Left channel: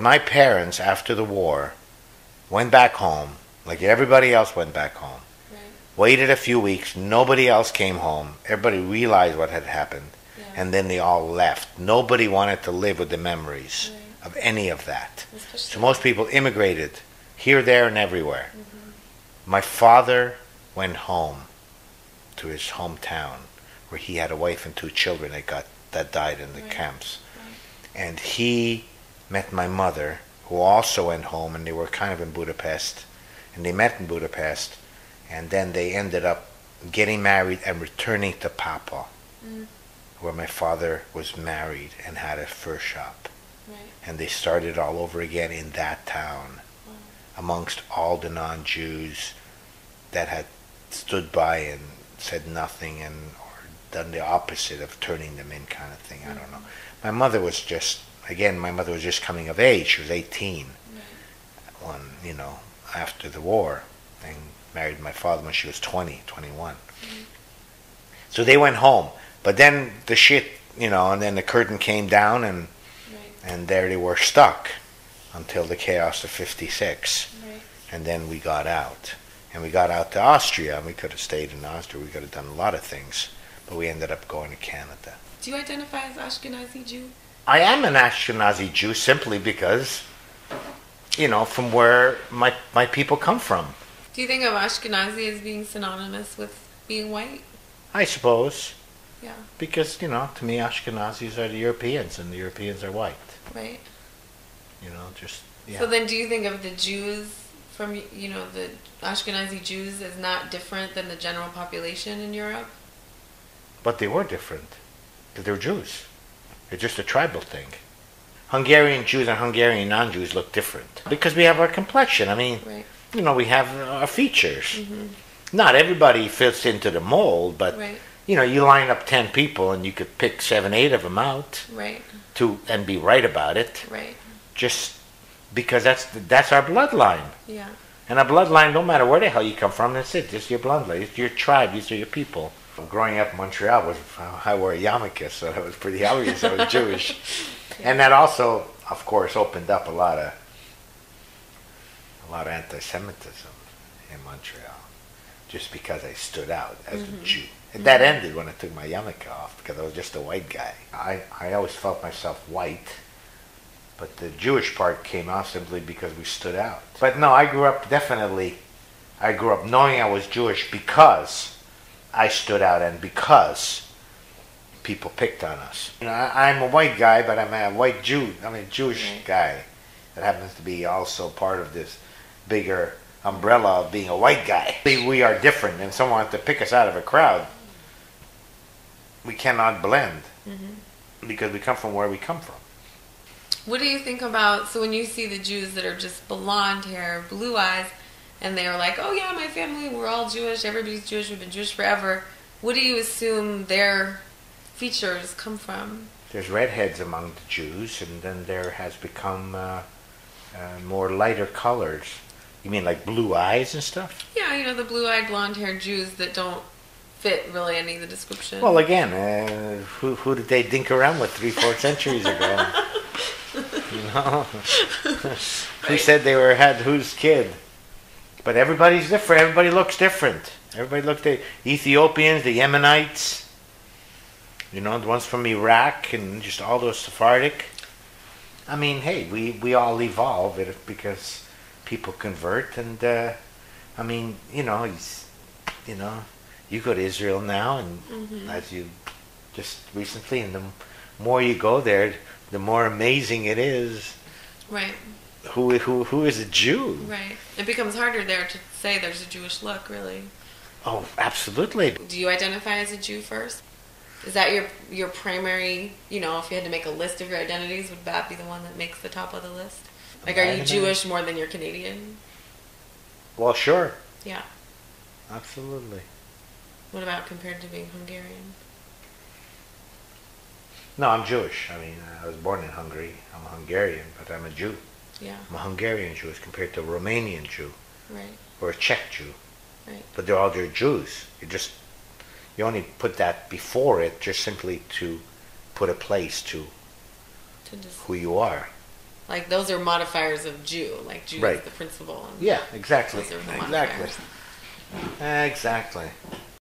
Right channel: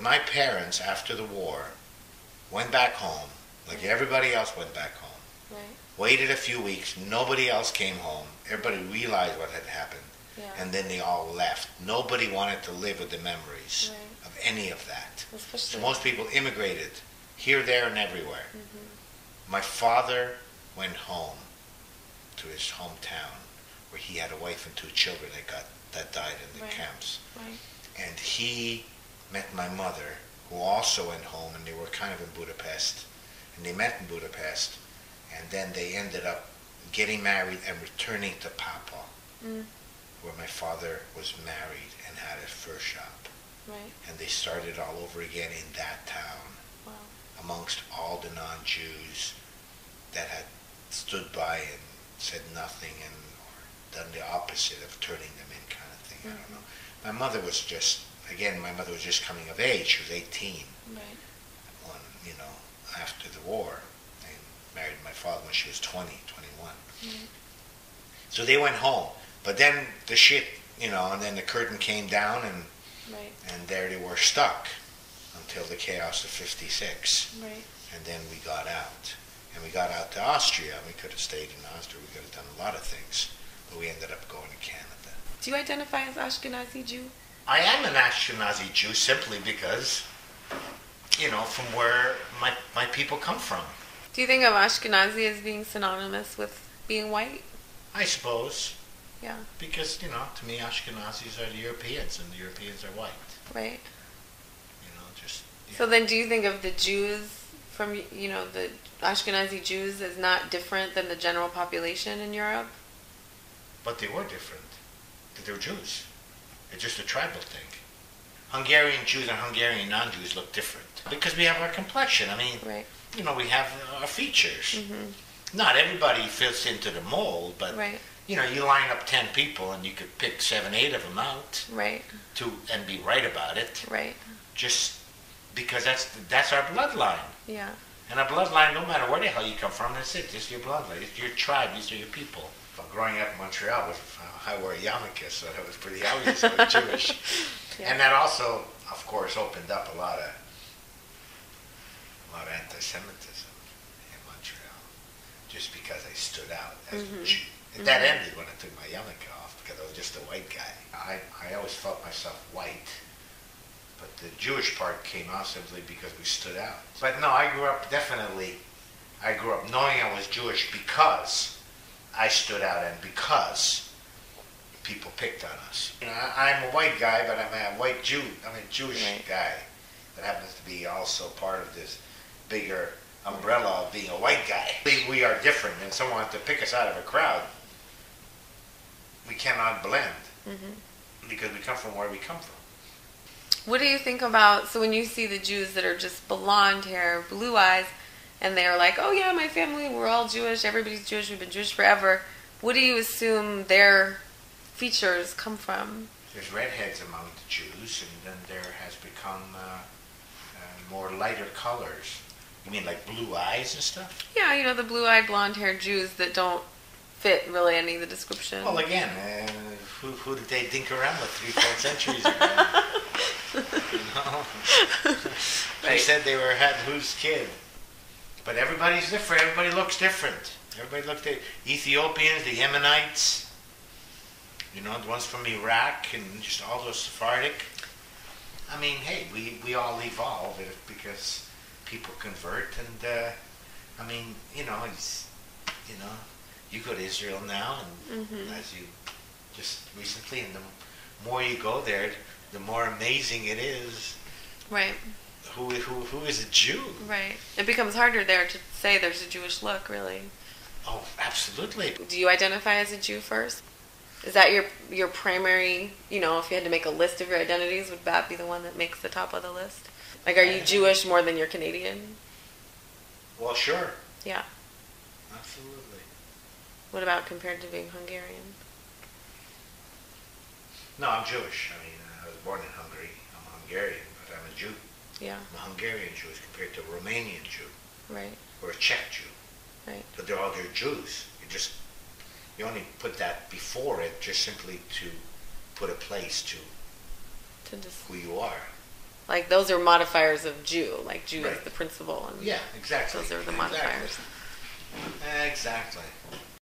My parents, after the war, went back home, like everybody else went back home. Right. Waited a few weeks, nobody else came home. Everybody realized what had happened, Yeah. and then they all left. Nobody wanted to live with the memories Right. of any of that. Especially So most people immigrated here, there, and everywhere. Mm-hmm. My father went home to his hometown, where he had a wife and 2 children that died in the Right. camps. Right. And he met my mother, who also went home, and they were kind of in Budapest. And they met in Budapest, and then they ended up getting married and returning to Papa, where my father was married and had a fur shop. Right. And they started all over again in that town, Wow. amongst all the non-Jews that had stood by and said nothing and or done the opposite of turning them in, kind of thing. I don't know. My mother was just coming of age. She was 18 Right. when, after the war, and married my father when she was 20, 21. So they went home. But then the shit, and then the curtain came down, and Right. and there they were stuck until the chaos of 56. Right. And then we got out. And we got out to Austria, and we could have stayed in Austria. We could have done a lot of things. But we ended up going to Canada. Do you identify as Ashkenazi Jew? I am an Ashkenazi Jew simply because, from where my people come from. Do you think of Ashkenazi as being synonymous with being white? I suppose. Yeah. Because, to me, Ashkenazis are the Europeans, and the Europeans are white. Right. Yeah. So then do you think of the Jews from, the Ashkenazi Jews as not different than the general population in Europe? But they were different. Because they were Jews. It's just a tribal thing. Hungarian Jews and Hungarian non-Jews look different. Because we have our complexion. I mean, Right. we have our features. Mm-hmm. Not everybody fits into the mold, but, Right. You line up 10 people and you could pick 7, 8 of them out Right. and be right about it. Right. Just because that's our bloodline. Yeah. And our bloodline, no matter where the hell you come from, that's it. It's your bloodline. It's your tribe. These are your people. Growing up in Montreal, I wore a yarmulke, so that was pretty obvious I was Jewish. Yeah. And that also, of course, opened up a lot of anti-Semitism in Montreal, just because I stood out as a Jew. And that ended when I took my yarmulke off, because I was just a white guy. I always felt myself white, but the Jewish part came out simply because we stood out. But no, I grew up knowing I was Jewish because I stood out and because people picked on us. I'm a white guy, but I'm a white Jew. I'm a Jewish guy that happens to be also part of this bigger umbrella of being a white guy. We are different, and someone wants to pick us out of a crowd. We cannot blend because we come from where we come from. What do you think about, so when you see the Jews that are just blonde hair, blue eyes, and they're like, oh yeah, my family, we're all Jewish, everybody's Jewish, we've been Jewish forever, what do you assume their features come from? There's redheads among the Jews, and then there has become more lighter colors. You mean like blue eyes and stuff? Yeah, the blue-eyed, blonde-haired Jews that don't fit really any of the description. Well, again, who did they dink around with 3-4 centuries ago? Who said they had whose kid? But everybody's different. Everybody looks different. The Ethiopians, the Yemenites, the ones from Iraq, and just all those Sephardic. I mean, hey, we all evolve because people convert, and you go to Israel now, and as you just recently, and the more you go there, the more amazing it is. Right. Who is a Jew? Right. It becomes harder there to say there's a Jewish look, really. Oh, absolutely. Do you identify as a Jew first? Is that your primary, if you had to make a list of your identities, would that be the one that makes the top of the list? Like, are you Jewish more than you're Canadian? Well, sure. Yeah. Absolutely. What about compared to being Hungarian? No, I'm Jewish. I mean, I was born in Hungary. I'm a Hungarian, but I'm a Jew. Yeah. I'm a Hungarian Jew as compared to a Romanian Jew. Right. Or a Czech Jew. Right. But they're all Jews. You only put that before it just simply to put a place to who you are. Like those are modifiers of Jew. Like Jew Right. is the principal. And Yeah, exactly. those are the Exactly. modifiers. Exactly.